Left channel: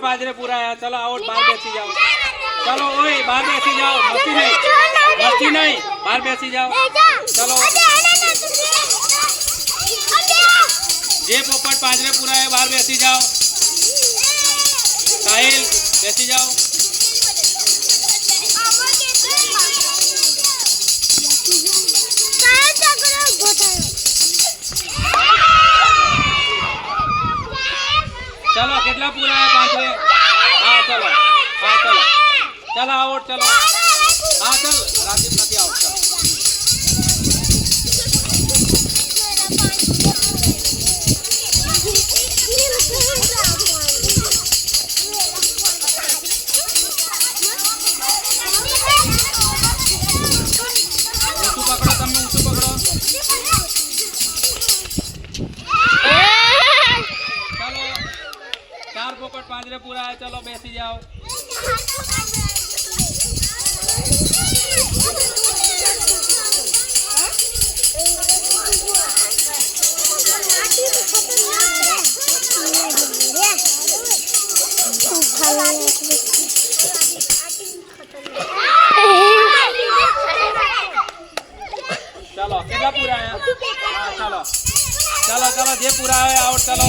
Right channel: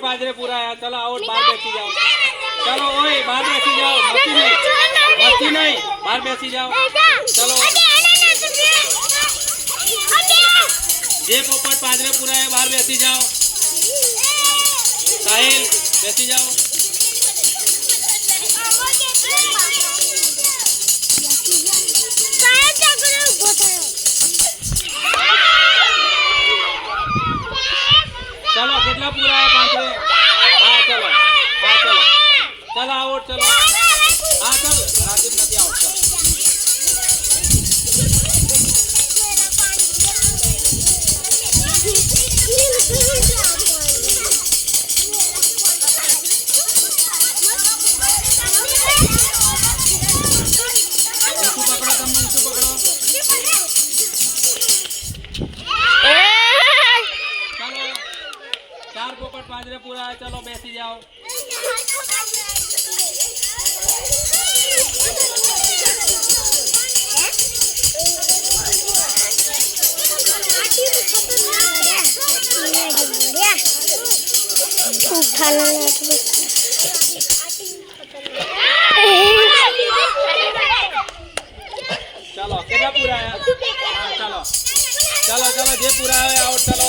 पोपट पाजरे पूरा है। चलो आउट, बाहर बैठी जाओ। चलो ओए बाहर बैठी जाओ, मस्ती नहीं, बाहर बैठी जाओ। चलो ये पोपट पाजरे पूरा है, बाहर बैठी जाओ। साहिल बैठी जाओ। चलो कितना पूरा है? पांचवे। हाँ चलो, हाँ चलो, चलो आउट, चलो हाँ चल राजीव पति आउट। चलो ऊँचू पकड़ो, तुम ऊँचू पकड़ो। चलो 4 पोपट पाजरे पूरा है। चलो बैठी जाओ। चलो कितना पूरा है? हाँ, चलो चलो चलो ये पूरा है आउट। चलो